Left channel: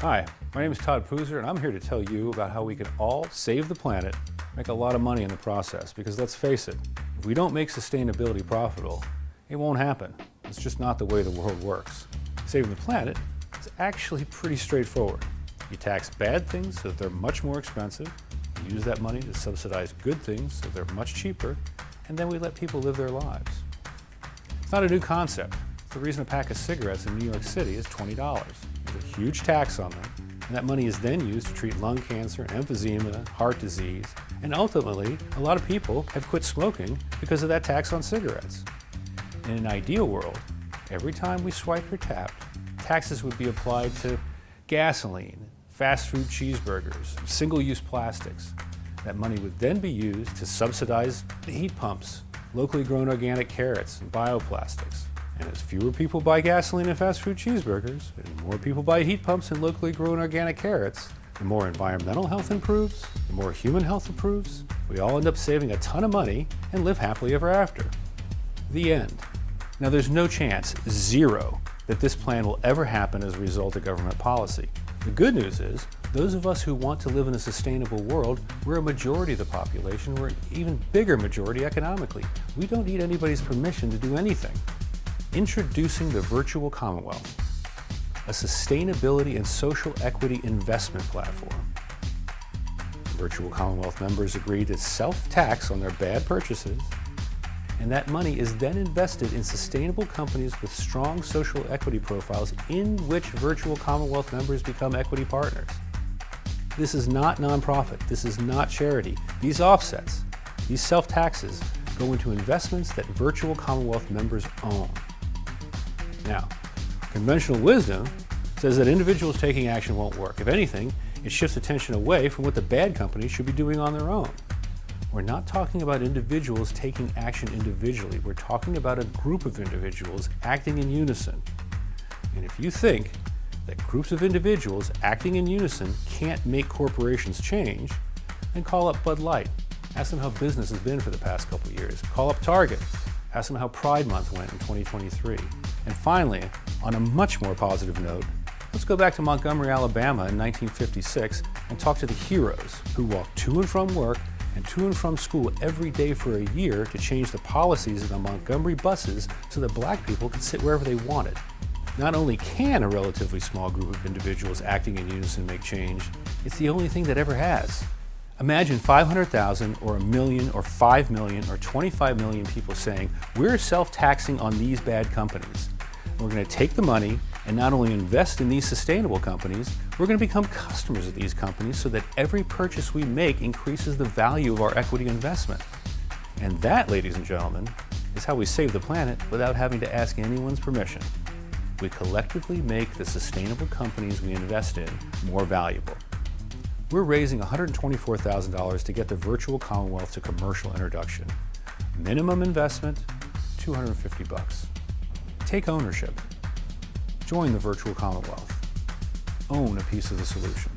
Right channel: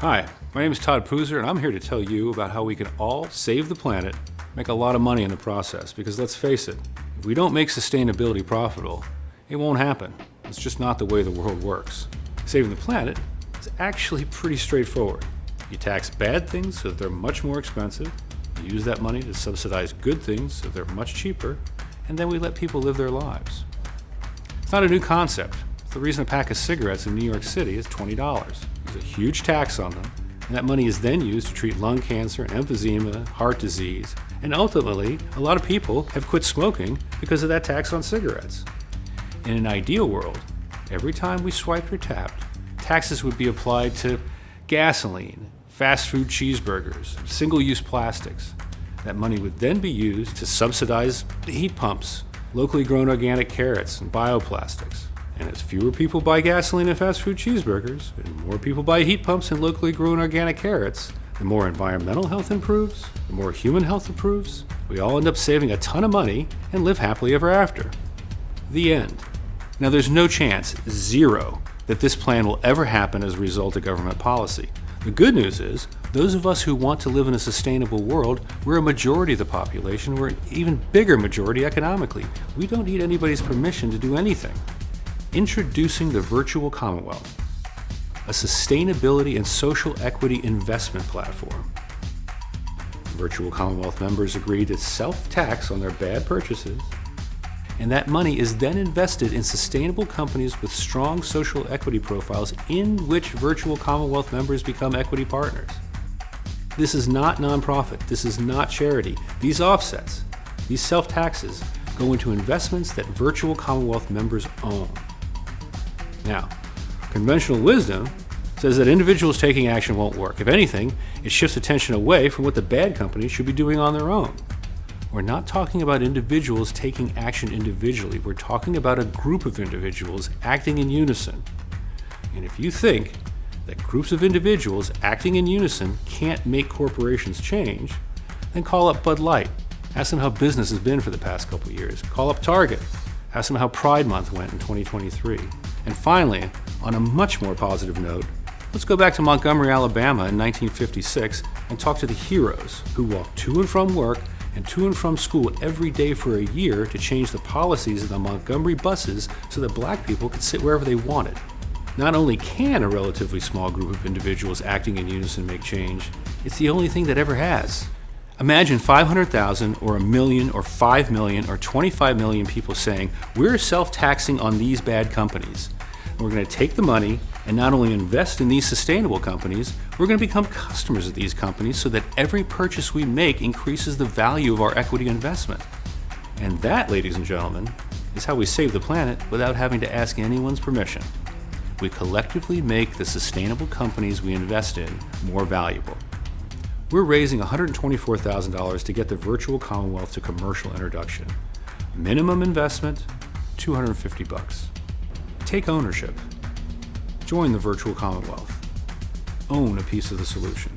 Hi, my name is Todd Pooser, and I'm here to tell you about how we can all save the planet, make a lot of money in the process. Because let's face it, if we don't make sustainability profitable, it won't happen. It's just not the way the world works. Saving the planet is actually pretty straightforward. You tax bad things so that they're much more expensive, you use that money to subsidize good things so they're much cheaper, and then we let people live their lives. It's not a new concept. It's the reason a pack of cigarettes in New York City is $20. There's a huge tax on them, and that money is then used to treat lung cancer, emphysema, heart disease, and ultimately, a lot of people have quit smoking because of that tax on cigarettes. In an ideal world, every time we swiped or tapped, taxes would be applied to gasoline, fast food cheeseburgers, single-use plastics. That money would then be used to subsidize the heat pumps, locally grown organic carrots, and bioplastics. And as fewer people buy gasoline and fast food cheeseburgers, and more people buy heat pumps and locally grown organic carrots, the more environmental health improves, the more human health improves, we all end up saving a ton of money and live happily ever after. The end. Now there's no chance, zero, that this plan will ever happen as a result of government policy. The good news is, those of us who want to live in a sustainable world, we're a majority of the population, we're an even bigger majority economically. We don't need anybody's permission to do anything. Introducing the Virtual Commonwealth, a sustainability and social equity investment platform. Virtual Commonwealth members agree to self-tax on their bad purchases, and that money is then invested in sustainable companies with strong social equity profiles in which Virtual Commonwealth members become equity partners. This is not nonprofit. This is not charity. These offsets, these self-taxes, go into investments that Virtual Commonwealth members own. Now, conventional wisdom says that individuals taking action won't work. If anything, it shifts attention away from what the bad companies should be doing on their own. We're not talking about individuals taking action individually. We're talking about a group of individuals acting in unison. And if you think that groups of individuals acting in unison can't make corporations change, then call up Bud Light. Ask them how business has been for the past couple of years. Call up Target. Ask them how Pride Month went in 2023. And finally, on a much more positive note, let's go back to Montgomery, Alabama in 1956 and talk to the heroes who walked to and from work and to and from school every day for a year to change the policies of the Montgomery buses so that black people could sit wherever they wanted. Not only can a relatively small group of individuals acting in unison make change, it's the only thing that ever has. Imagine 500,000 or 1 million or 5 million or 25 million people saying, we're self-taxing on these bad companies. And we're going to take the money and not only invest in these sustainable companies, we're going to become customers of these companies so that every purchase we make increases the value of our equity investment. And that, ladies and gentlemen, is how we save the planet without having to ask anyone's permission. We collectively make the sustainable companies we invest in more valuable. We're raising $124,000 to get the Virtual Commonwealth to commercial introduction. Minimum investment, $250. Take ownership. Join the Virtual Commonwealth. Own a piece of the solution.